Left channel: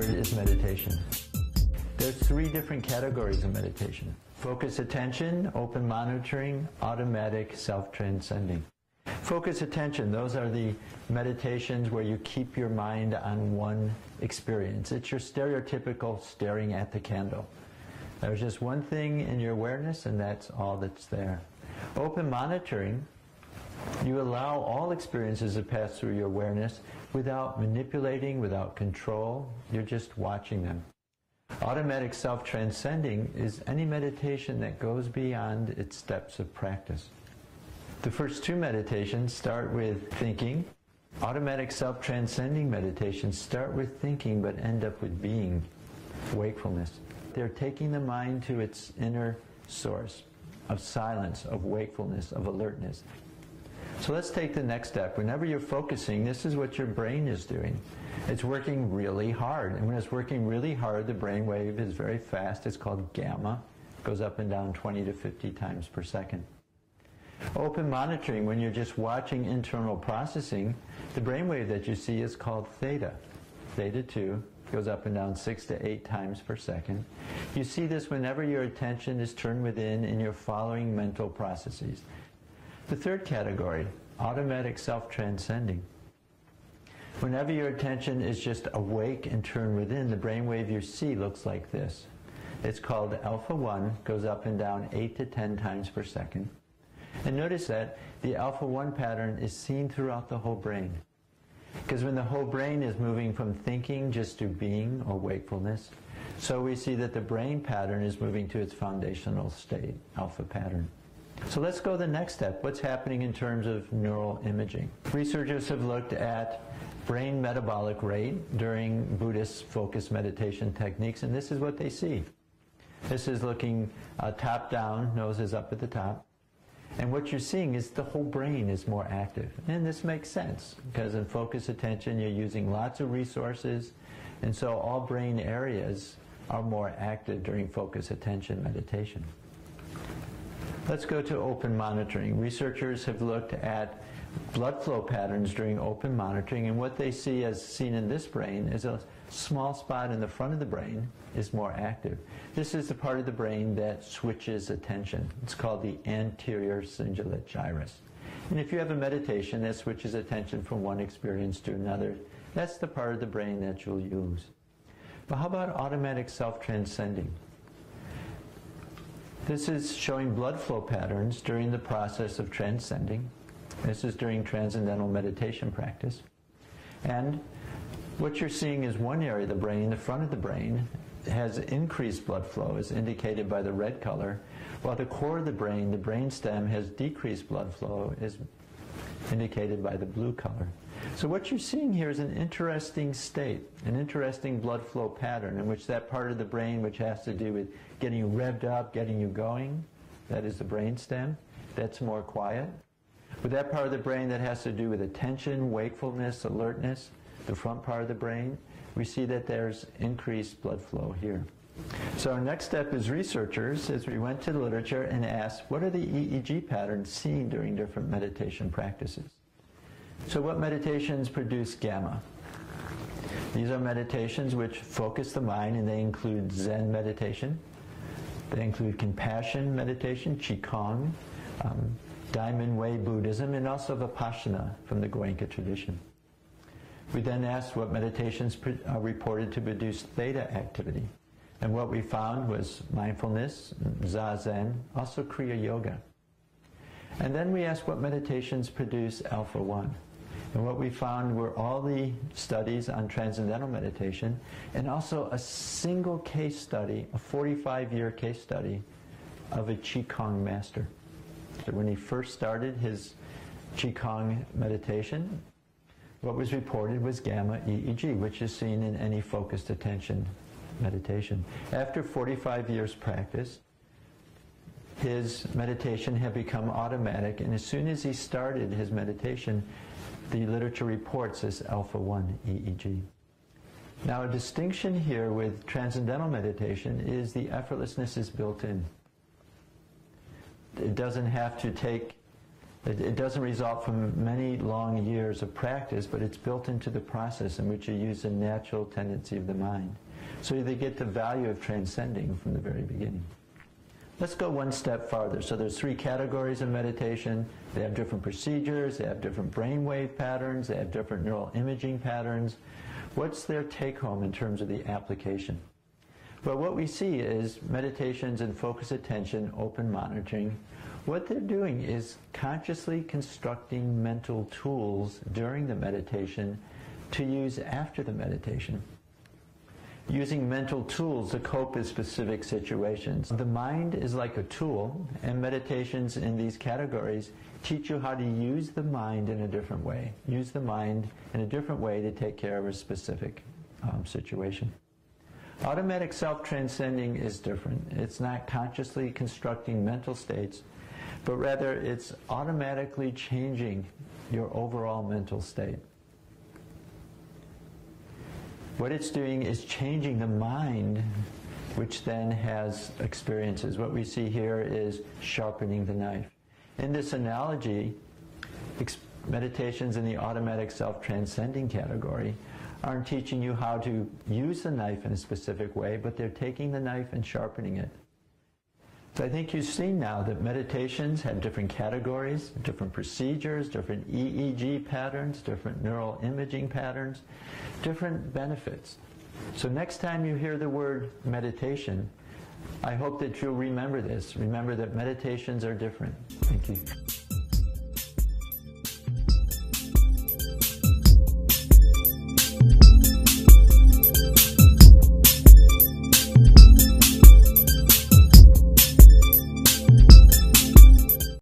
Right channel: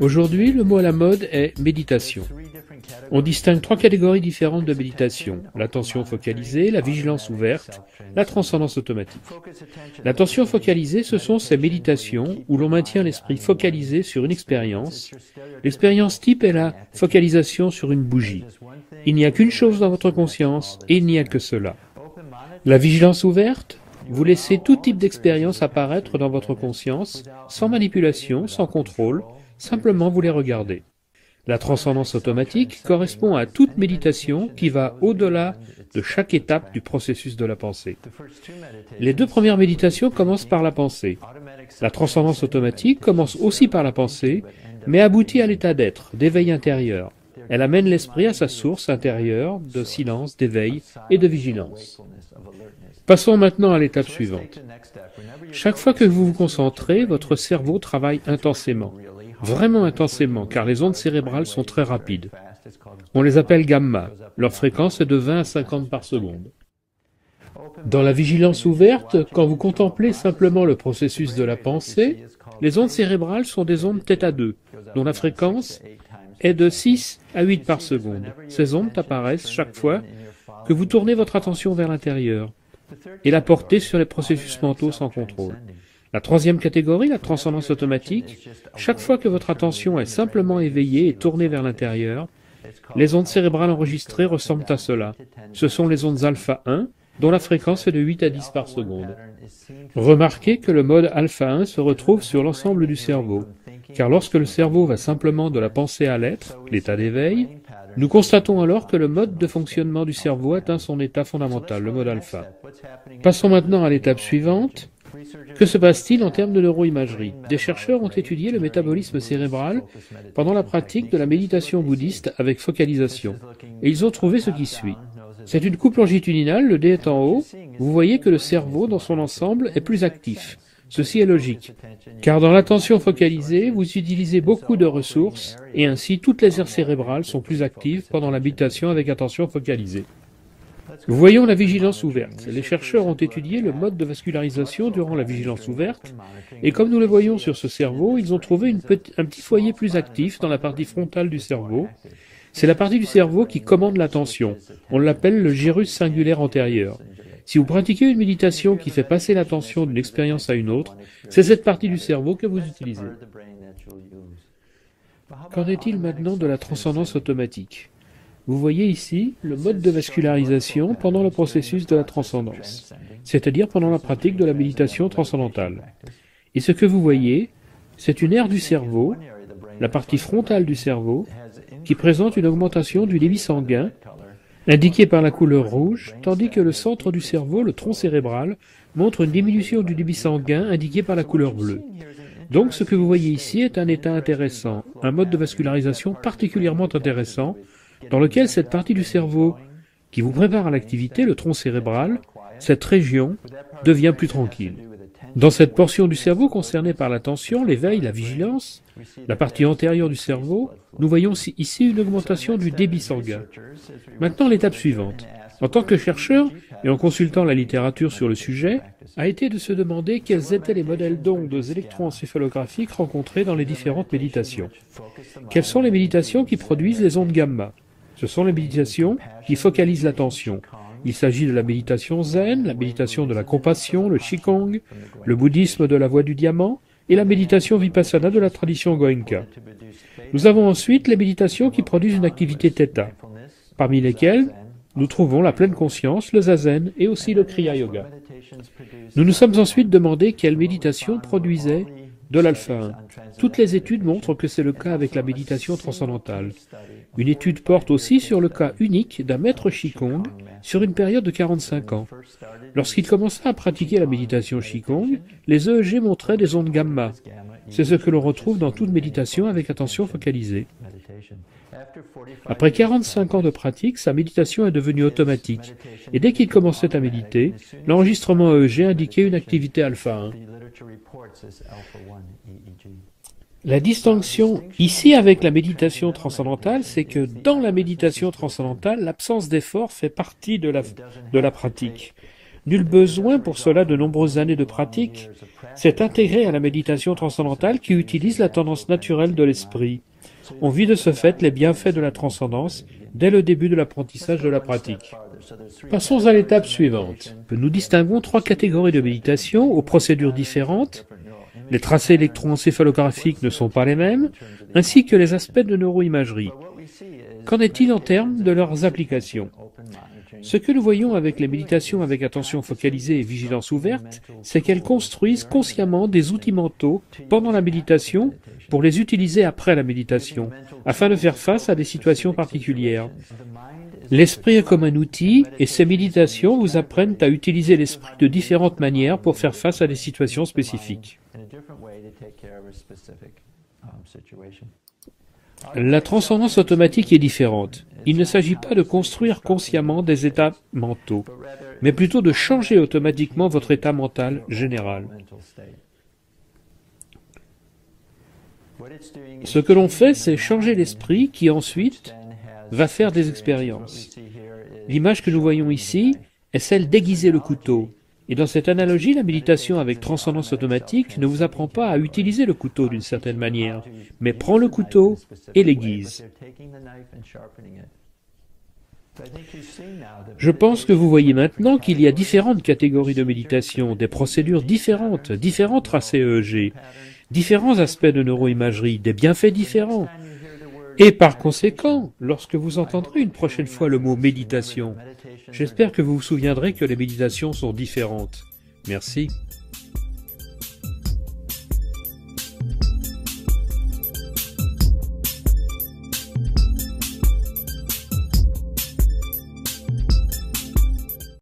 Aujourd'hui, le mot à la mode est méditation. On distingue trois catégories différentes de méditation: l'attention focalisée, la vigilance ouverte, la transcendance automatique. L'attention focalisée, ce sont ces méditations où l'on maintient l'esprit focalisé sur une expérience. L'expérience type est la focalisation sur une bougie. Il n'y a qu'une chose dans votre conscience et il n'y a que cela. La vigilance ouverte, vous laissez tout type d'expérience apparaître dans votre conscience, sans manipulation, sans contrôle, simplement vous les regardez. La transcendance automatique correspond à toute méditation qui va au-delà de chaque étape du processus de la pensée. Les deux premières méditations commencent par la pensée. La transcendance automatique commence aussi par la pensée, mais aboutit à l'état d'être, d'éveil intérieur. Elle amène l'esprit à sa source intérieure de silence, d'éveil et de vigilance. Passons maintenant à l'étape suivante. Chaque fois que vous vous concentrez, votre cerveau travaille intensément, vraiment intensément, car les ondes cérébrales sont très rapides. On les appelle gamma. Leur fréquence est de 20 à 50 par seconde. Dans la vigilance ouverte, quand vous contemplez simplement le processus de la pensée, les ondes cérébrales sont des ondes θ2, dont la fréquence est de 6 à 8 par seconde. Ces ondes apparaissent chaque fois que vous tournez votre attention vers l'intérieur et la portez sur les processus mentaux sans contrôle. La troisième catégorie, la transcendance automatique, chaque fois que votre attention est simplement éveillée et tournée vers l'intérieur, les ondes cérébrales enregistrées ressemblent à cela. Ce sont les ondes alpha 1, dont la fréquence est de 8 à 10 par seconde. Remarquez que le mode alpha 1 se retrouve sur l'ensemble du cerveau, car lorsque le cerveau va simplement de la pensée à l'être, l'état d'éveil, nous constatons alors que le mode de fonctionnement du cerveau atteint son état fondamental, le mode alpha. Passons maintenant à l'étape suivante. Que se passe-t-il en termes de neuroimagerie? Des chercheurs ont étudié le métabolisme cérébral pendant la pratique de la méditation bouddhiste avec focalisation, et ils ont trouvé ce qui suit. C'est une coupe longitudinale, le dé est en haut, vous voyez que le cerveau dans son ensemble est plus actif. Ceci est logique, car dans l'attention focalisée, vous utilisez beaucoup de ressources, et ainsi toutes les aires cérébrales sont plus actives pendant la méditation avec attention focalisée. Voyons la vigilance ouverte. Les chercheurs ont étudié le mode de vascularisation durant la vigilance ouverte, et comme nous le voyons sur ce cerveau, ils ont trouvé un petit foyer plus actif dans la partie frontale du cerveau. C'est la partie du cerveau qui commande l'attention. On l'appelle le gyrus singulaire antérieur. Si vous pratiquez une méditation qui fait passer l'attention d'une expérience à une autre, c'est cette partie du cerveau que vous utilisez. Qu'en est-il maintenant de la transcendance automatique? Vous voyez ici le mode de vascularisation pendant le processus de la transcendance, c'est-à-dire pendant la pratique de la méditation transcendantale. Et ce que vous voyez, c'est une aire du cerveau, la partie frontale du cerveau, qui présente une augmentation du débit sanguin, indiquée par la couleur rouge, tandis que le centre du cerveau, le tronc cérébral, montre une diminution du débit sanguin indiquée par la couleur bleue. Donc ce que vous voyez ici est un état intéressant, un mode de vascularisation particulièrement intéressant, dans lequel cette partie du cerveau qui vous prépare à l'activité, le tronc cérébral, cette région devient plus tranquille. Dans cette portion du cerveau concernée par l'attention, l'éveil, la vigilance, la partie antérieure du cerveau, nous voyons ici une augmentation du débit sanguin. Maintenant, l'étape suivante. En tant que chercheur, et en consultant la littérature sur le sujet, a été de se demander quels étaient les modèles d'ondes électroencéphalographiques rencontrés dans les différentes méditations. Quelles sont les méditations qui produisent les ondes gamma? Ce sont les méditations qui focalisent l'attention. Il s'agit de la méditation zen, la méditation de la compassion, le qigong, le bouddhisme de la voie du diamant, et la méditation vipassana de la tradition Goenka. Nous avons ensuite les méditations qui produisent une activité θ, parmi lesquelles nous trouvons la pleine conscience, le zazen et aussi le kriya yoga. Nous nous sommes ensuite demandé quelle méditation produisait de l'alpha 1. Toutes les études montrent que c'est le cas avec la méditation transcendantale. Une étude porte aussi sur le cas unique d'un maître qigong sur une période de 45 ans. Lorsqu'il commença à pratiquer la méditation qigong, les EEG montraient des ondes gamma. C'est ce que l'on retrouve dans toute méditation avec attention focalisée. Après 45 ans de pratique, sa méditation est devenue automatique. Et dès qu'il commençait à méditer, l'enregistrement EEG indiquait une activité alpha 1. La distinction ici avec la méditation transcendantale, c'est que dans la méditation transcendantale, l'absence d'effort fait partie de la pratique. Nul besoin pour cela de nombreuses années de pratique. C'est intégré à la méditation transcendantale qui utilise la tendance naturelle de l'esprit. On vit de ce fait les bienfaits de la transcendance dès le début de l'apprentissage de la pratique. Passons à l'étape suivante. Nous distinguons trois catégories de méditation aux procédures différentes. Les tracés électroencéphalographiques ne sont pas les mêmes, ainsi que les aspects de neuroimagerie. Qu'en est-il en termes de leurs applications? Ce que nous voyons avec les méditations avec attention focalisée et vigilance ouverte, c'est qu'elles construisent consciemment des outils mentaux pendant la méditation pour les utiliser après la méditation, afin de faire face à des situations particulières. L'esprit est comme un outil et ces méditations vous apprennent à utiliser l'esprit de différentes manières pour faire face à des situations spécifiques. La transcendance automatique est différente. Il ne s'agit pas de construire consciemment des états mentaux, mais plutôt de changer automatiquement votre état mental général. Ce que l'on fait, c'est changer l'esprit qui ensuite va faire des expériences. L'image que nous voyons ici est celle d'aiguiser le couteau. Et dans cette analogie, la méditation avec transcendance automatique ne vous apprend pas à utiliser le couteau d'une certaine manière, mais prend le couteau et l'aiguise. Je pense que vous voyez maintenant qu'il y a différentes catégories de méditation, des procédures différentes, différents tracés EEG, différents aspects de neuroimagerie, des bienfaits différents. Et par conséquent, lorsque vous entendrez une prochaine fois le mot méditation, j'espère que vous vous souviendrez que les méditations sont différentes. Merci.